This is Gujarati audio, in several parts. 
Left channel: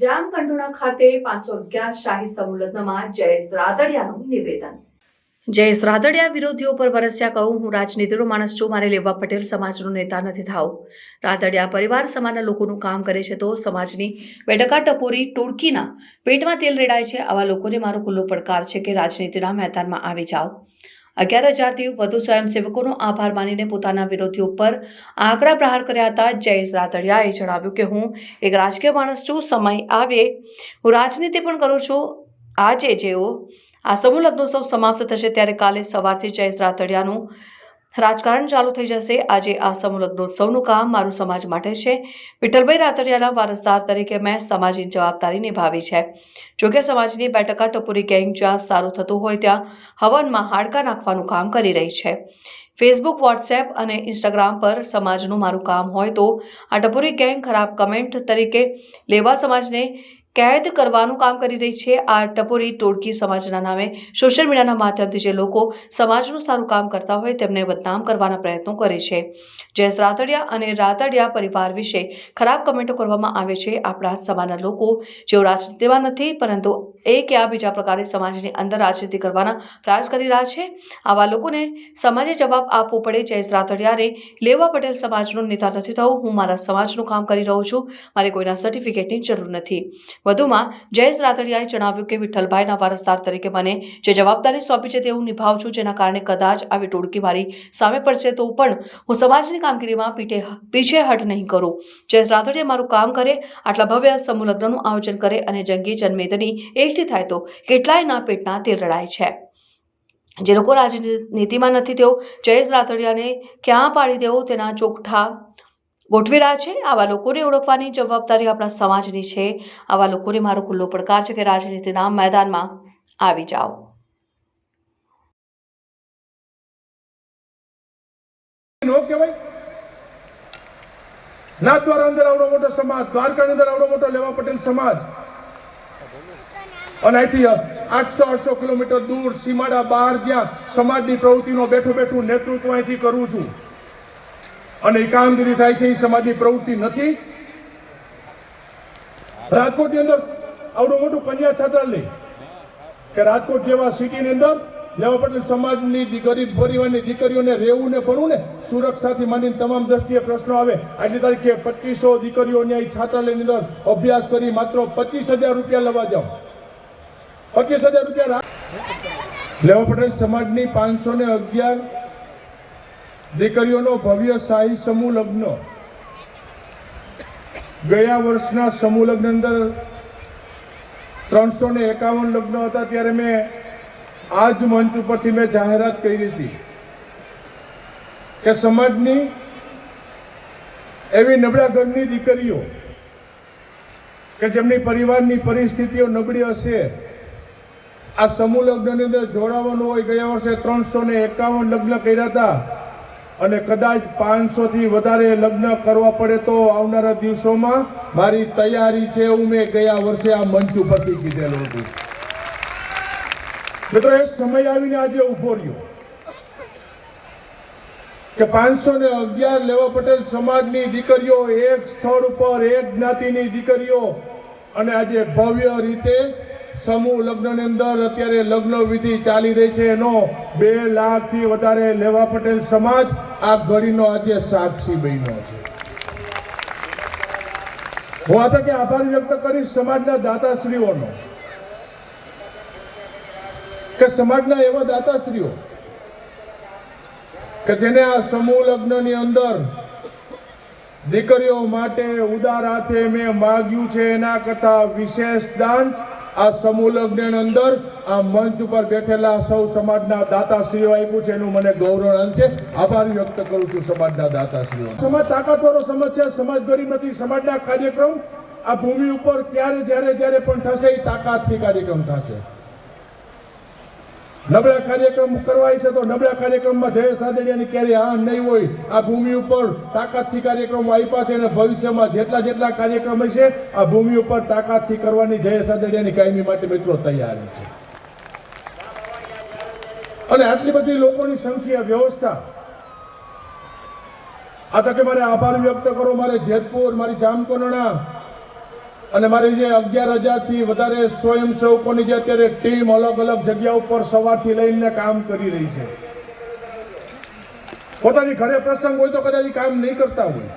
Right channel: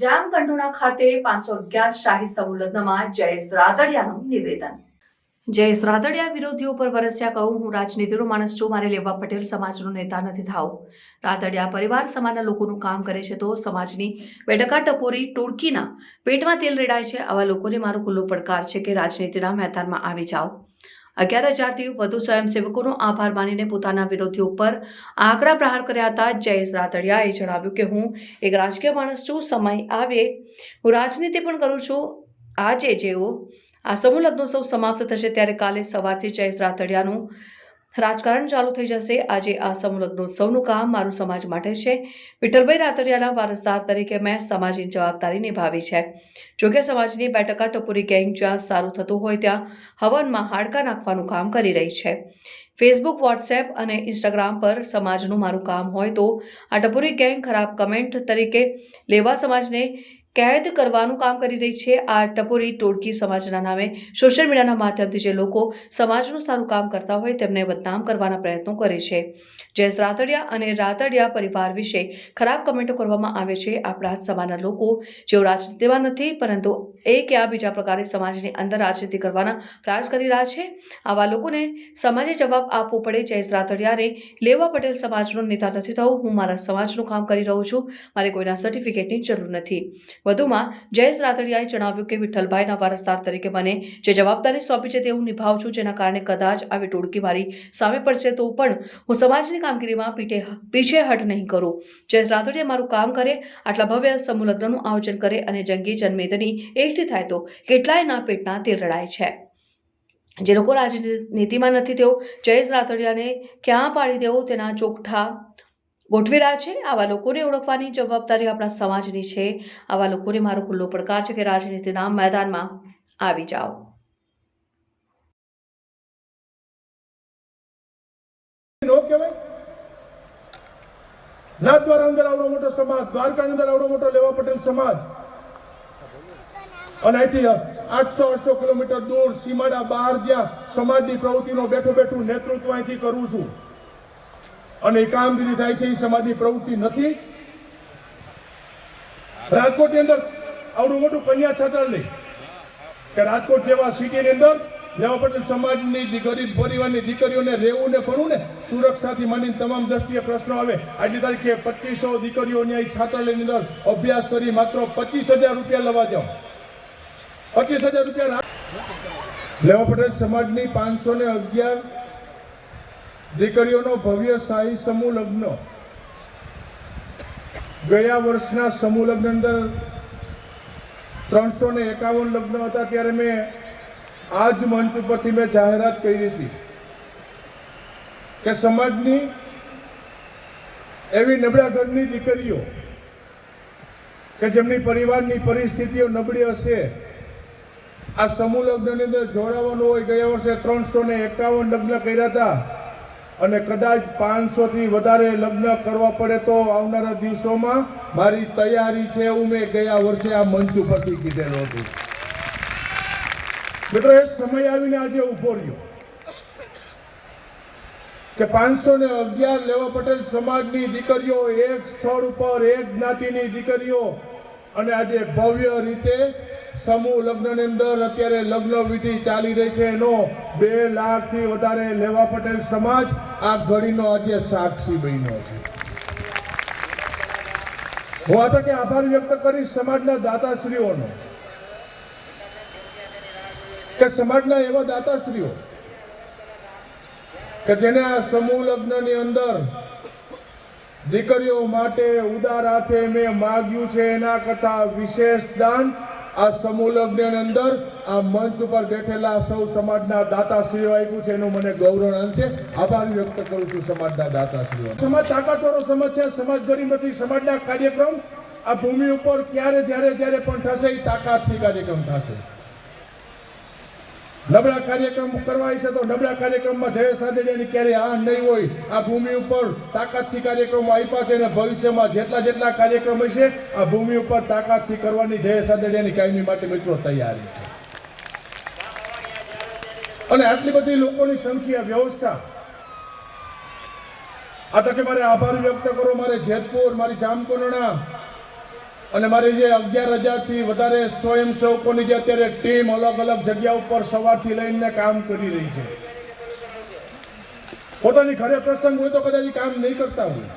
જામકંડોળા ખાતે 511 શાહી સમૂહ લગ્નમાં જયેશ રાદડિયાનું નિવેદન। જયેશ રાદડિયા વિરોધીઓ પર વરસ્યા કહું, હું રાજનીતિનો માણસ છું, મારે લેવા પટેલ સમાજનો નેતા નથી થાવ। રાદડિયા પરિવાર સમાજના લોકોનું કામ કરે છે તો સમાજની બેડકા ટપોરી ટોળકીના પેટમાં તેલ રેડાય છે। આવા લોકોને મારો ખુલ્લો પડકાર છે કે રાજનીતિના મેદાનમાં આવી જાઓ। 11,000થી વધુ સ્વયંસેવકોનો આભાર માનીને પોતાના વિરોધીઓ પર આકરા પ્રહાર કર્યા હતા। જયેશ રાદડિયાએ જણાવ્યું કે હું એક રાજકીય માણસ છું, સમય આવે હું રાજનીતિ પણ કરું છું। આજે જેઓ આ સમૂહ લગ્નોત્સવ સમાપ્ત થશે ત્યારે કાલે સવારથી જયેશ રાદડિયાનું રાજકારણ ચાલુ થઈ જશે। આજે આ સમૂહ લગ્નોત્સવનું કામ મારું સમાજ માટે છે। વિઠ્ઠલભાઈ રાદડિયાના વારસદાર તરીકે મેં સમાજની જવાબદારી નિભાવી છે। જોકે સમાજની બેટકા ટપોરી ગેંગ જ્યાં સારું થતું હોય ત્યાં હવનમાં હાડકા નાખવાનું કામ કરી રહી છે। ફેસબુક, વોટ્સએપ અને ઇન્સ્ટાગ્રામ પર સમાજનું મારું કામ હોય તો આ ટપોરી ગેંગ ખરાબ કમેન્ટ તરીકે લેવા સમાજને કેદ કરવાનું કામ કરી રહી છે। આ ટપોરી ટોળકી સમાજના નામે સોશિયલ મીડિયાના માધ્યમથી જે લોકો સમાજનું સારું કામ કરતા હોય તેમને બદનામ કરવાના પ્રયત્નો કરે છે। જયેશ રાદડિયા અને રાદડિયા પરિવાર વિશે ખરાબ કમેન્ટો કરવામાં આવે છે। આપણા સમાજના લોકો જેઓ રાજનીતિમાં નથી પરંતુ એક યા બીજા પ્રકારે સમાજની અંદર રાજનીતિ કરવાના પ્રયાસ કરી રહ્યા છે, આવા લોકોને સમાજે જવાબ આપવો પડે। જયેશ રાદડિયાને લેવા પટેલ સમાજનો નેતા નથી થવું, હું મારા સમાજનું કામ કરી રહ્યો છું, મારે કોઈના સર્ટિફિકેટની જરૂર નથી। વધુમાં જયેશ રાદડિયાએ જણાવ્યું કે વિઠ્ઠલભાઈના વારસદાર તરીકે મને જે જવાબદારી સોંપી છે તે હું નિભાવું છું, જેના કારણે કદાચ આવી ટોળકી મારી સામે પડશે તો પણ હું સમાજની કામગીરીમાં પીછેહટ નહીં કરું। જયેશ રાદડિયા મારું કામ કરે, આટલા ભવ્ય સમૂહ લગ્નનું આયોજન કરે અને જંગી જનમેદની એકઠી થાય તો કેટલાયના પેટના તેલ રડાય છે। જે લોકો રાજનીતિમાં નથી તેઓ જયેશ રાદડિયાને ક્યાં પાડી દેવો તેના ચોકઠા ગોઠવી રહ્યા છે। આવા લોકોને ઓળખવાની જવાબદારી આપણા સમાજની છે। આવા લોકોને મારો ખુલ્લો પડકાર છે કે રાજનીતિના મેદાનમાં આવી જાઓ। નાથદ્વારા અંદર આવડો મોટો સમાજ, દ્વારકા અંદર આવડો મોટો લેવા પટેલ સમાજ, અને અહીંથી 800 કિલોમીટર દૂર સીમાડા બહાર જ્યાં સમાજની પ્રવૃત્તિનો બેઠું નેતૃત્વ અહીંથી કરું છું અને એ કામગીરી થાય છે, એ સમાજની પ્રવૃત્તિ નથી। રાજકોટની અંદર આવડું મોટું કન્યા છાત્રાલય કે રાજકોટ જેવા સિટીની અંદર લેવા પટેલ સમાજની ગરીબ પરિવારની દીકરીઓને રહેવું ને ફરવું ને સુરક્ષાથી માંડીને તમામ દ્રષ્ટિએ પ્રશ્નો આવે। આજની તારીખે 2500 દીકરીઓ અહીંયા છાત્રાલયની અંદર અભ્યાસ કરી માત્ર 25,000 રૂપિયા લેવા જાઓ, 25,000 રૂપિયા। લેવા પટેલ સમાજની 511 દીકરીઓનો ભવ્ય શાહી સમૂહ લગ્ન ગયા વર્ષના સમૂહ લગ્ન અંદર 351 લગ્ન હતા ત્યારે મેં આ જ મંચ ઉપરથી મેં જાહેરાત કરી હતી કે સમાજની એવી નબળા ઘરની દીકરીઓ કે જેમની પરિવારની પરિસ્થિતિઓ નબળી હશે, આ સમૂહ લગ્નની અંદર જોડાવાનું હોય। ગયા વર્ષે 351 લગ્ન કર્યા હતા અને કદાચ 500થી વધારે લગ્ન કરવા પડે તો આવનારા દિવસોમાં મારી તૈયારી છે, એવું મેં ગયા વર્ષે આ મંચ ઉપરથી કીધેલું હતું। મિત્રો, એ સમય આવીને આજે ઉભો રહ્યો કે 511 લેવા પટેલ સમાજની દીકરીઓ એક સ્થળ ઉપર, એક જ્ઞાતિની દીકરીઓ, અને આજે ભવ્ય રીતે સમૂહ લગ્નની અંદર અત્યારે લગ્ન વિધિ ચાલી રહી છે, એનો 2 લાખથી વધારે લેવા પટેલ સમાજ આ ઘડીનો આજે સાક્ષી બન્યો છે। હું આ તકે આભાર વ્યક્ત કરીશ સમાજના દાતાશ્રીઓનો કે સમાજના એવા દાતાશ્રીઓ કે જેને આ સમૂહ લગ્નની અંદર દીકરીઓ માટે ઉદાર હાથે મેં માગ્યું છે, એના કરતા વિશેષ દાન આ સમૂહ લગ્ન અંદર આ મંચ ઉપર બેઠેલા સૌ સમાજના દાતાશ્રીઓ આપ્યું છે, એનું મને ગૌરવ છે। આભાર વ્યક્ત કરું છું સમાજના દાતાશ્રીઓ। સમાજ તાકાતવાળો સમાજ છે, સમાજ ગરીબ નથી। સમાજના કાર્યક્રમ આ ભૂમિ ઉપર ક્યારે જ્યારે પણ થશે, એ તાકાતથી કાર્યક્રમ થશે। નબળા કાર્યક્રમ કરવાય છે તો નબળા કાર્યક્રમમાં જયેશ રાદડિયાની ક્યારે આ નહીં હોય। આ ભૂમિ ઉપર તાકાતથી કાર્યક્રમો આપ્યા છે અને ભવિષ્યમાં જેટલા કાર્યક્રમ હશે આ ભૂમિ ઉપર તાકાતથી કરવાની જયેશ રાદડિયાની કાયમી માટે મિત્રો તૈયારી છે। અને આટલી બધી લોકોની સંખ્યા, વ્યવસ્થા, આ તકે મારે આભાર વ્યક્ત કરો મારે જેતપુર, મારી જામકંડોળા અને મારી જે 11,000 થી વધારે સ્વયંસેવકોની જે અત્યારે ટીમ અલગ અલગ જગ્યા ઉપર સવારથી લઈને કામ કરી રહી છે. પોતાની ઘરે પ્રસંગ હોય તો કદાચ કામ નહીં કરતા હોય,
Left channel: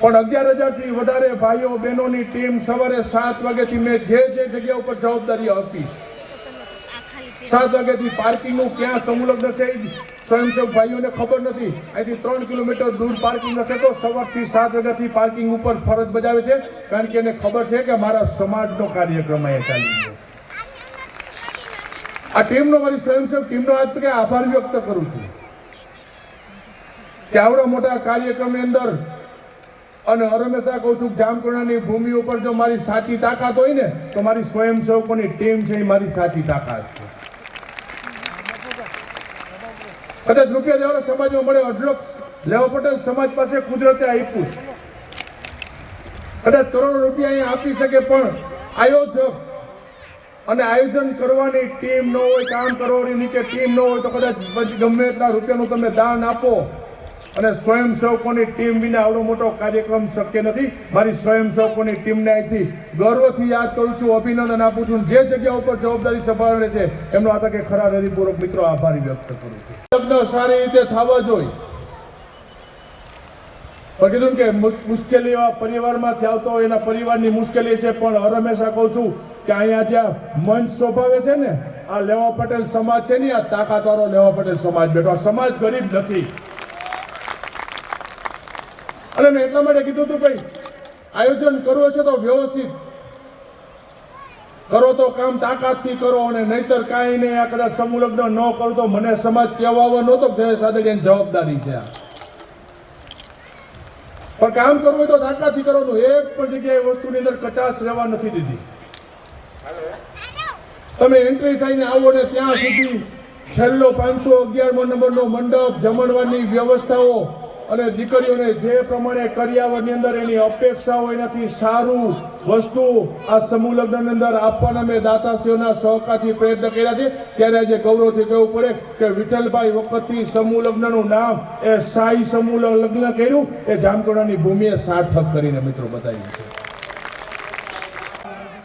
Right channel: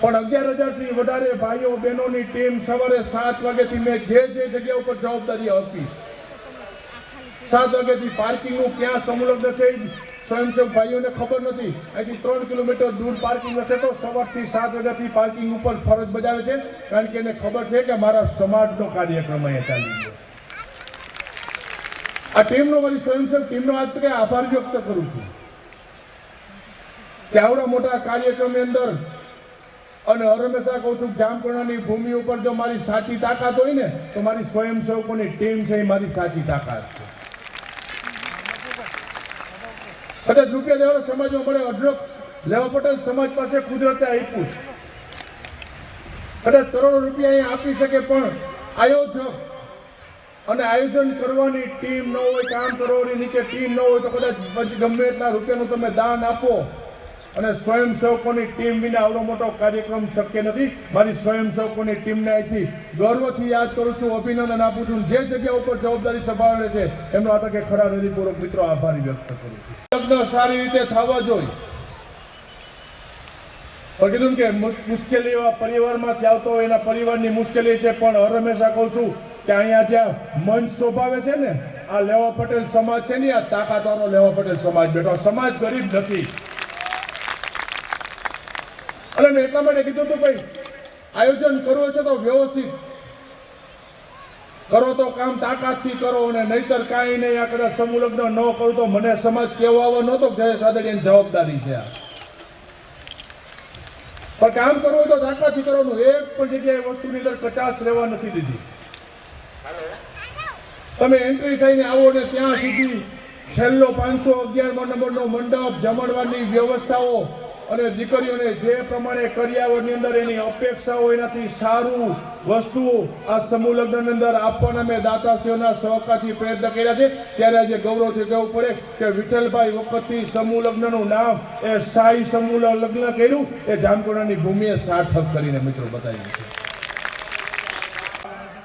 પણ 11,000 થી વધારે ભાઈઓ બહેનોની ટીમ સવારે 7 વાગ્યાથી મેં જે જગ્યા ઉપર જવાબદારી આપી, 7 વાગ્યાથી પાર્કિંગનું ક્યાં સંલગ્ન છે સ્વયંસેવક ભાઈઓને ખબર નથી. અહીંથી 3 કિલોમીટર દૂર પાર્કિંગ હશે તો સવારથી 7 વાગ્યાથી પાર્કિંગ ઉપર ફરજ બજાવે છે, કારણ કે એને ખબર છે કે મારા સમાજનો કાર્યક્રમ અહીંયા ચાલી છે. આ ટીમનો, મારી સ્વયંસેવક ટીમનો આજ તકે આભાર વ્યક્ત કરું છું કે આવડા મોટા કાર્યક્રમની અંદર, અને હંમેશા કહું છું જામકંડોળાની ભૂમિ ઉપર જો મારી સાચી તાકાત હોય ને તો મારી સ્વયંસેવકોની ટીમ છે એ મારી સાચી તાકાત છે. કદાચ રૂપિયા દેવાળા સમાજમાં મળે, અઢળક લેવા પટેલ સમાજ પાસે કુદરતે આપ્યું છે, કદાચ કરોડો રૂપિયા અહીંયા આપી શકે, પણ આયોજક અને આયોજન કરવાની ટીમ ન હોય, કામ કરવાની નીચે ટીમ ન હોય તો કદાચ પછી ગમે એટલા રૂપિયાનું તમે દાન આપો, અને સ્વયંસેવકોની ટીમ વિના આવડો મોટો કાર્યક્રમ શક્ય નથી. મારી સ્વયંસેવકોની ટીમને અહીંથી ગર્વથી યાદ કરું છું, અભિનંદન આપું છું. જે જગ્યા ઉપર જવાબદારી સંભાળે છે એમનો આ તકે ખરા હૃદયપૂર્વક મિત્રો આભાર વ્યક્ત કરું છું. લગ્ન સારી રીતે થવા જોઈએ, પણ કીધું કે મુશ્કેલી એવા પરિવારમાંથી આવતો હોય, એના પરિવારની મુશ્કેલી છે, પણ હંમેશા કહું છું કે અહીંયા જ્યાં મંચ શોભાવે છે ને, આ લેવા પટેલ સમાજ છે ને, આ તાકાતવાળો લેવા પટેલ સમાજ બેઠો. સમાજ ગરીબ નથી. અને મેં એટલા માટે કીધું હતું ભાઈ, આયોજન કરવું છે તો વ્યવસ્થિત કરો, તો કામ તાકાતથી કરો, અને નહીતર કાંઈ નહીં. આ કદાચ સમૂહ લગ્ન ન કરો તો મને સમાજ કહેવા નહોતો કે જયેશ રાદડિયાની જવાબદારી છે. પણ કામ કરવું હોય તો તાકાતથી કરવાનું. એક પણ જગ્યાએ વસ્તુની અંદર કચાશ રહેવા નથી દીધી. તમે એન્ટ્રી થઈને આવો ને ત્યાં સુધી છેલ્લો 511મો નંબરનો મંડપ, જમણવારની વ્યવસ્થાઓ, અને દીકરીઓને જે પ્રમાણે કરિયાવરની અંદર એની અપેક્ષાઓ, એનાથી સારું વસ્તુ આ સમૂહ લગ્નની અંદર આપવાના મેં દાતાશ્રીઓના સહકારથી પ્રયત્ન કર્યા છે. ત્યારે આજે ગૌરવથી કહેવું પડે કે વિઠ્ઠલભાઈ વખતથી સમૂહ લગ્નનું નામ એ શાહી સમૂહ લગ્ન કર્યું એ જામકંડોળાની ભૂમિએ સાર્થક કરીને મિત્રો બતાવ્યું છે.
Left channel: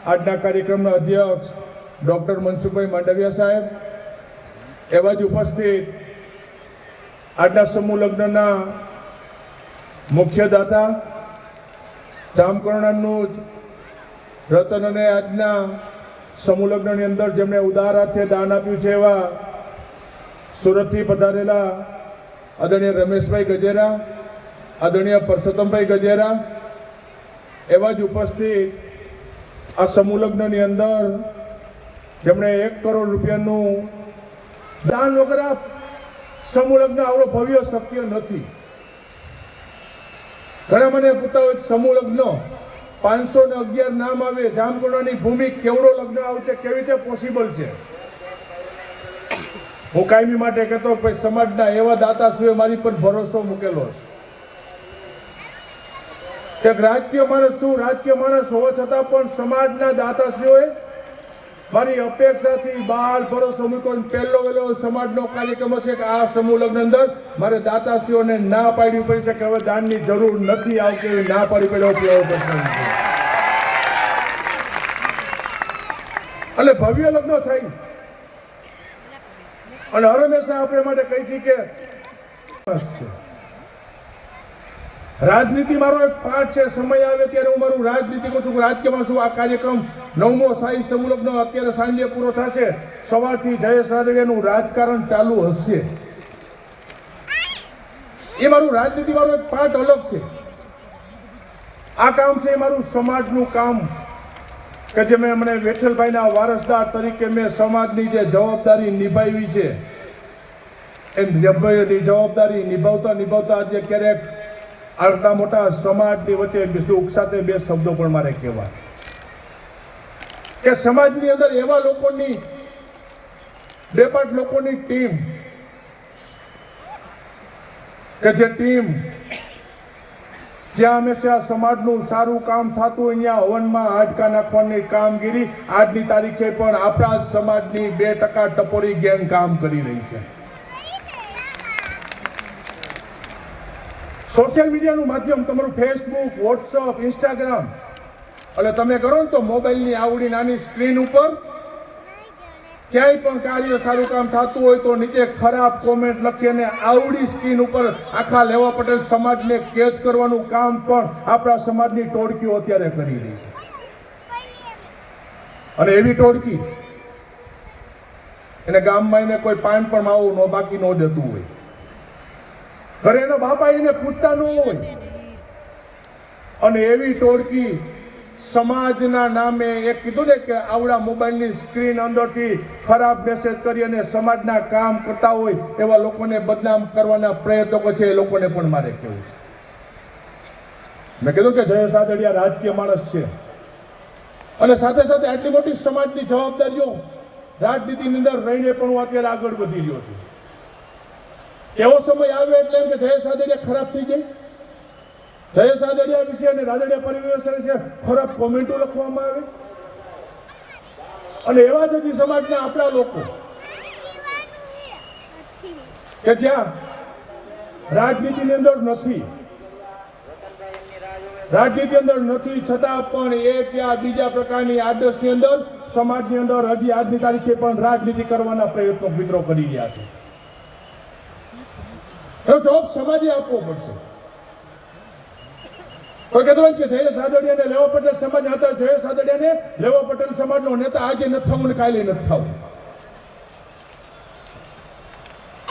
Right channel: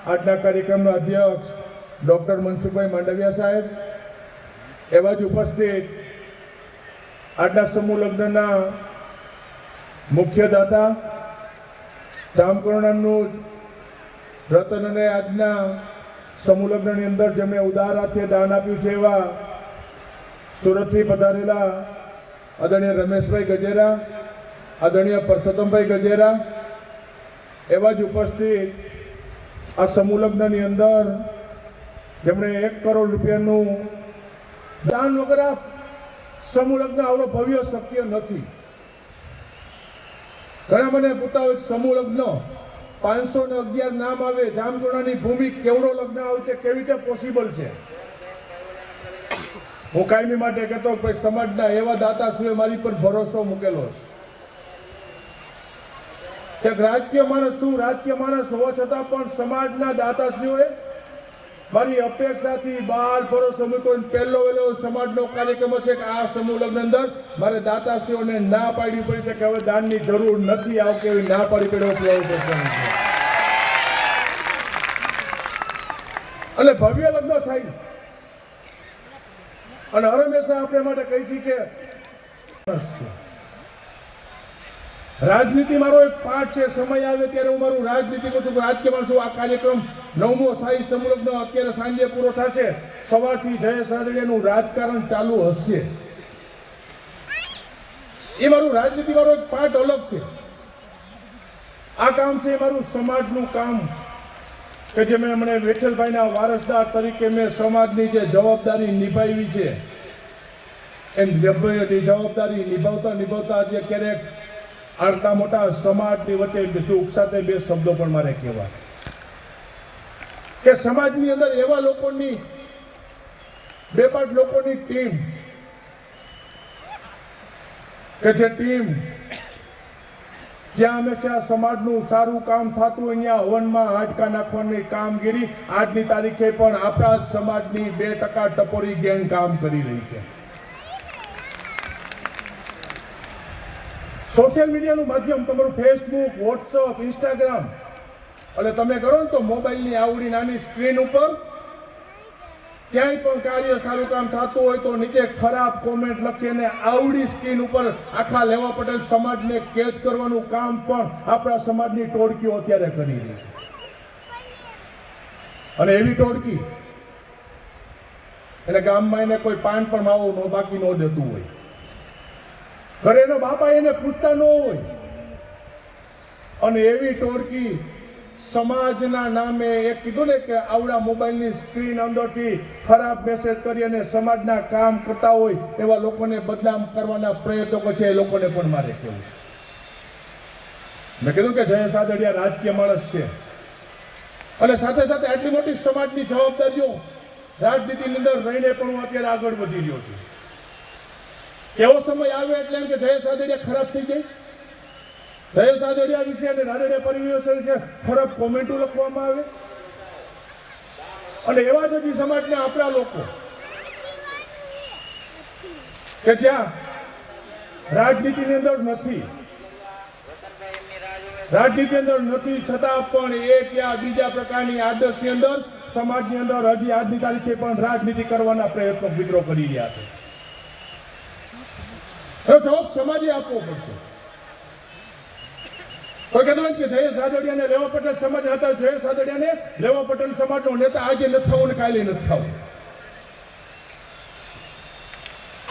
આજના કાર્યક્રમના અધ્યક્ષ ડૉક્ટર મનસુખભાઈ માંડવિયા સાહેબ, એવા જ ઉપસ્થિત આજના સમૂહ લગ્નના મુખ્ય દાતા, જામકંડોળાનું જ રતનોને આજના સમૂહ લગ્નની અંદર જેમણે ઉદાર હાથે દાન આપ્યું છે, એવા સુરતથી પધારેલા આદરણીય રમેશભાઈ ગજેરા, આદરણીય પરસોત્તમભાઈ ગજેરા, એવા જ ઉપસ્થિત આ સમૂહ લગ્નની અંદર જેમણે 1 કરોડ રૂપિયાનું દાન વગર સમૂહ લગ્ન આવડો ભવ્ય શક્ય નથી. ઘણા મને પૂછતા હોય સમૂહ લગ્ન 511 નામ આવે, જામકંડોળાની ભૂમિ કેવડો લગ્ન આવે છે, કેવી રીતે પોસિબલ છે? હું કાયમી માટે કહેતો ભાઈ, સમાજના એવા દાતાશ્રીઓ મારી પર ભરોસો મૂકેલો છે કે રાજકીય માણસ છું, રાજકીય માણસ હોવા છતાં પણ સમાજના દાતાશ્રીઓએ મારી અપેક્ષાથી બહાર ભરોસો મૂક્યો. પહેલો વહેલો સમાજનો કાર્યક્રમ હશે કે આ સમૂહ લગ્ન અંદર મારે દાતાશ્રીઓને ના પાડવી પડી છે કે હવે દાનની જરૂર નથી આવતી, ના પાડી પડ્યો અને ભવ્ય લગ્ન થાય. અને હંમેશા આપણે માટે કહી છીએ કે રાજનીતિ મારો એક પાઠ છે. સમય આવે ત્યારે હું મારું રાજનીતિ કહું છું, રાજકીયમાં છું. આ કાર્યક્રમ 9મો શાહી સમૂહ લગ્ન અત્યારે સાંજે પૂરો થશે. સવારથી જયેશ રાદડિયાનું રાજકારણ ચાલુ હશે. એ મારું રાજનીતિ મારો એક પાઠ અલગ છે. આ કામ છે એ મારું સમાજનું કામ કે જે મેં મને વિઠ્ઠલભાઈના વારસદાર તરીકે મેં સમાજની જે જવાબદારી નિભાવી છે, એ જવાબદારી નિભાવતા આજે ક્યારેક આટલા મોટા સમાજની વચ્ચે દુઃખ સાથે 2 શબ્દો પણ મારે કહેવા કે સમાજની અંદર એવા લોકોની 2-5 લોકોની ટીમ કે જે ટીમ જ્યાં હંમેશા સમાજનું સારું કામ થતું હોય ત્યાં હવનમાં હાડકા નાખવાની કામગીરી આજની તારીખે પણ આપણા જ સમાજની 2% ટપોરી ગેંગ કામ કરી રહી છે. સોશિયલ મીડિયાનું માધ્યમ તમારું ફેસબુક, વોટ્સઅપ, ઇન્સ્ટાગ્રામ, એટલે તમે કરો ને તો મોબાઈલની આવડી નાની સ્ક્રીન ઉપર ક્યાંય પણ કાર્ય સારું કામ થતું હોય તો નીચે ખરાબ કોમેન્ટ લખીને આવડી સ્ક્રીન ઉપર આખા લેવા પટેલ સમાજને કેદ કરવાનું કામ પણ આપણા સમાજની ટોળકીઓ અત્યારે કરી રહી છે. અને એવી ટોળકી એને ગામમાં એને કોઈ પાન પણ માવું ન બાકી ન જતું હોય, ઘરેનો બાપા એને પૂછતા ન હોય, અને એવી ટોળકી સમાજના નામે એક કીધું ને કે આવડા મોબાઈલની સ્ક્રીન અંદરથી ખરાબ મેસેજ કરી અને સમાજના કામ કરતા હોય એવા લોકોને બદનામ કરવાના પ્રયત્નો છે. એ લોકોને પણ મારે કહેવું છે. મેં કીધું કે જયેશ રાદડિયા રાજકીય માણસ છે અને સાથે સાથે આટલી મોટી સમાજની જવાબદારીઓ રાજનીતિની અંદર રહીને પણ હું અત્યારે આગળ વધી રહ્યો છું. એવો સમય આવ્યો એટલે એમ કે જયેશ રાદડિયા ખરાબ થઈ ગઈ, જયેશ રાદડિયા વિશે અને રાદડિયા પરિવાર વિશે ખરાબ કોમેન્ટો લખવામાં આવે, અને એવા જ હજી સમાજના આપણા લોકો કે જ્યાં રાજનીતિની અંદર નથી, રાજનીતિ અંદર નથી છતાં પણ એક યા બીજા પ્રકારની આદર્શની અંદર સમાજની અંદર હજી આજની તારીખે પણ રાજનીતિ કરવાના પ્રયત્નો મિત્રો કરી રહ્યા છે. જવાબ સમાજે આપવો પડશે. કોઈ કહેતું હોય કે જયેશ રાદડિયાને લેવા પટેલ સમાજ હતા, જયેશ રાદડિયાને લેવા પટેલ સમાજનો નેતા આજે નથી થવું ને કાલે નથી થવું.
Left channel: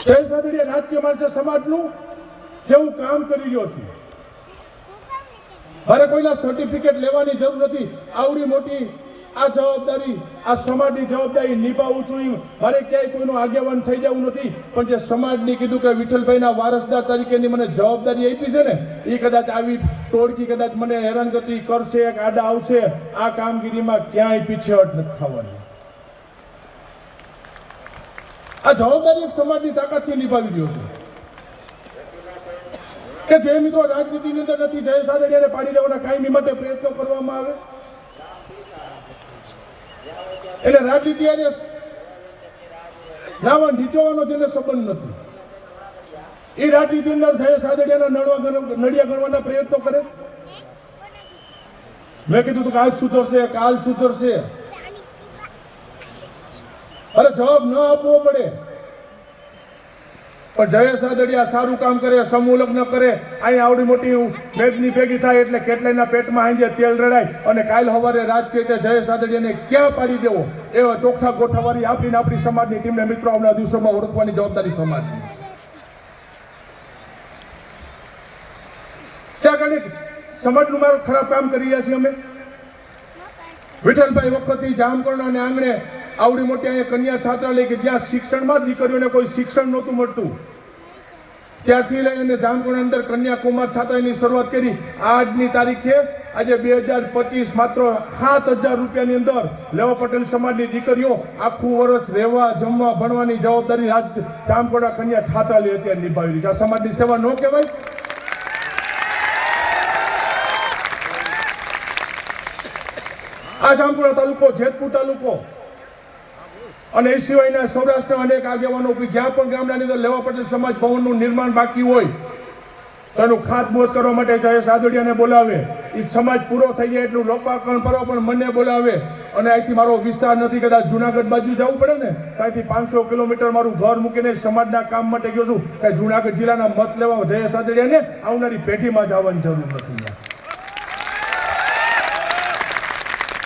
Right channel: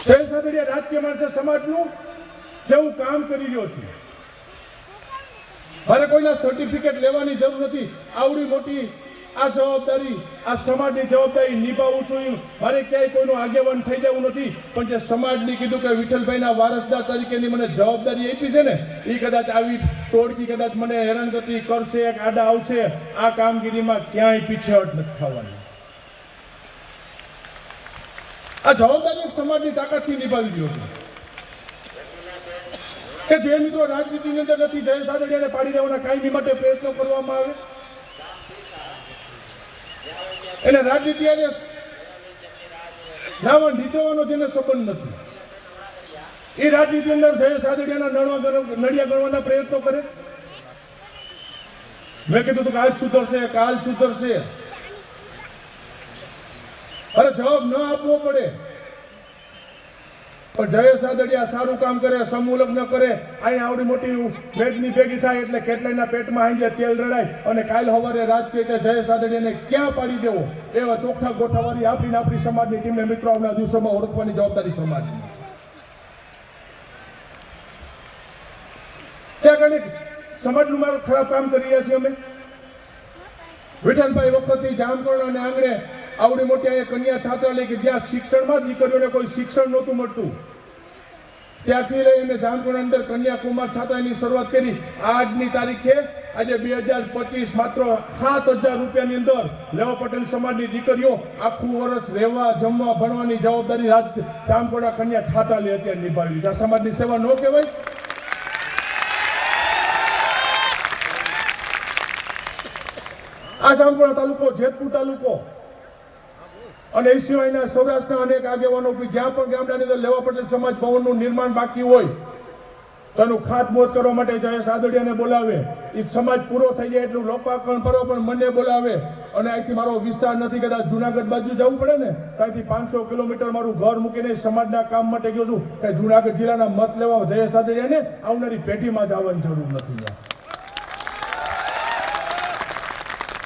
જયેશ રાદડિયા રાજકીય માણસે સમાજનું કેવું કામ કરી રહ્યો છે. મારે કોઈના સર્ટિફિકેટ લેવાની જરૂર નથી. આવડી મોટી આ જવાબદારી, આ સમાજની જવાબદારી નિભાવું છું. મારે ક્યાંય કોઈનો આગેવાન થઈ જવું નથી, પણ જે સમાજની કીધું કે વિઠ્ઠલભાઈના વારસદાર તરીકેની મને જવાબદારી આપી છે ને, એ કદાચ આવી ટોળકી કદાચ મને હેરાનગતિ કરશે, આડા આવશે, આ કામગીરીમાં ક્યાંય પીછેહટ નથી થવાની. આ જવાબદારી સમાજની તાકાતથી નિભાવી રહ્યો છે કે જે મિત્રો રાજનીતિની અંદર નથી, જયેશ રાદડિયાને પાડી દેવાના કાયમી માટે પ્રયત્નો કરવામાં આવે, એને રાજનીતિ અને લાવવા નીચવાનો જેને સંબંધ નથી, એ રાજનીતિ અંદર જયેશ રાદડિયાના નડિયા ગણવાના પ્રયત્નો કરે. મેં કીધું તું કાલ સુધરશે, કાલ સુધરશે. અરે જવાબ ન આપવો પડે, પણ જયેશ રાદડિયા સારું કામ કરે, સમૂહ લગ્ન કરે, અહીં આવડી મોટી ભેગની ભેગી થાય એટલે કેટલાયના પેટમાં આંજે તેલ રડાય, અને કાલ સવારે રાજકીય જયેશ રાદડિયાને ક્યાં પાડી દેવો એવા ચોખ્ખા ગોઠાવાળી આપણી સમાજની ટીમને મિત્રો આવનારા દિવસોમાં ઓળખવાની જવાબદારી સમાજની. ક્યાં કને સમાજનું મારું ખરાબ કામ કરી રહ્યા છીએ અમે. વિઠ્ઠલભાઈ વખતથી જામકરણા આંગણે આવડી મોટી અહીંયા કન્યા છાત્રાલય કે જ્યાં શિક્ષણમાં દીકરીઓને કોઈ શિક્ષણ નહોતું મળતું, ત્યાંથી લઈ અને જામકરણા અંદર કન્યાકુમાર છાત્રાલયની શરૂઆત કરી. આજની તારીખે આજે 2025 માત્ર 7,000 રૂપિયાની અંદર લેવા પટેલ સમાજની દીકરીઓ આખું વર્ષ રહેવા, જમવા, ભણવાની જવાબદારી જામકરણા કન્યા છાત્રાલય અત્યારે નિભાવી રહી છે. આ સમાજની સેવા ન કહેવાય? આ જામકરણા તાલુકો, જેતપુર તાલુકો અને એ સિવાયના સૌરાષ્ટ્રના અનેક આગેવાનો જ્યાં પણ ગામડાની અંદર લેવા પટેલ સમાજ ભવનનું નિર્માણ બાકી હોય તેનું ખાતમુહૂર્ત કરવા માટે જયેશ રાદડિયાને બોલાવે. એ સમાજ પૂરો થઈ જાય એટલું લોકાર્પણ કરો, પણ મને બોલાવે. અને અહીંથી મારો વિસ્તાર નથી, કદાચ જુનાગઢ બાજુ જવું પડે ને, અહીંથી 500 કિલોમીટર મારું ઘર મૂકીને સમાજના કામ માટે ગયો છું. કે જુનાગઢ જિલ્લાના મત લેવા જયેશ રાદડિયાને આવનારી પેઢીમાં જવાની જરૂર નથી.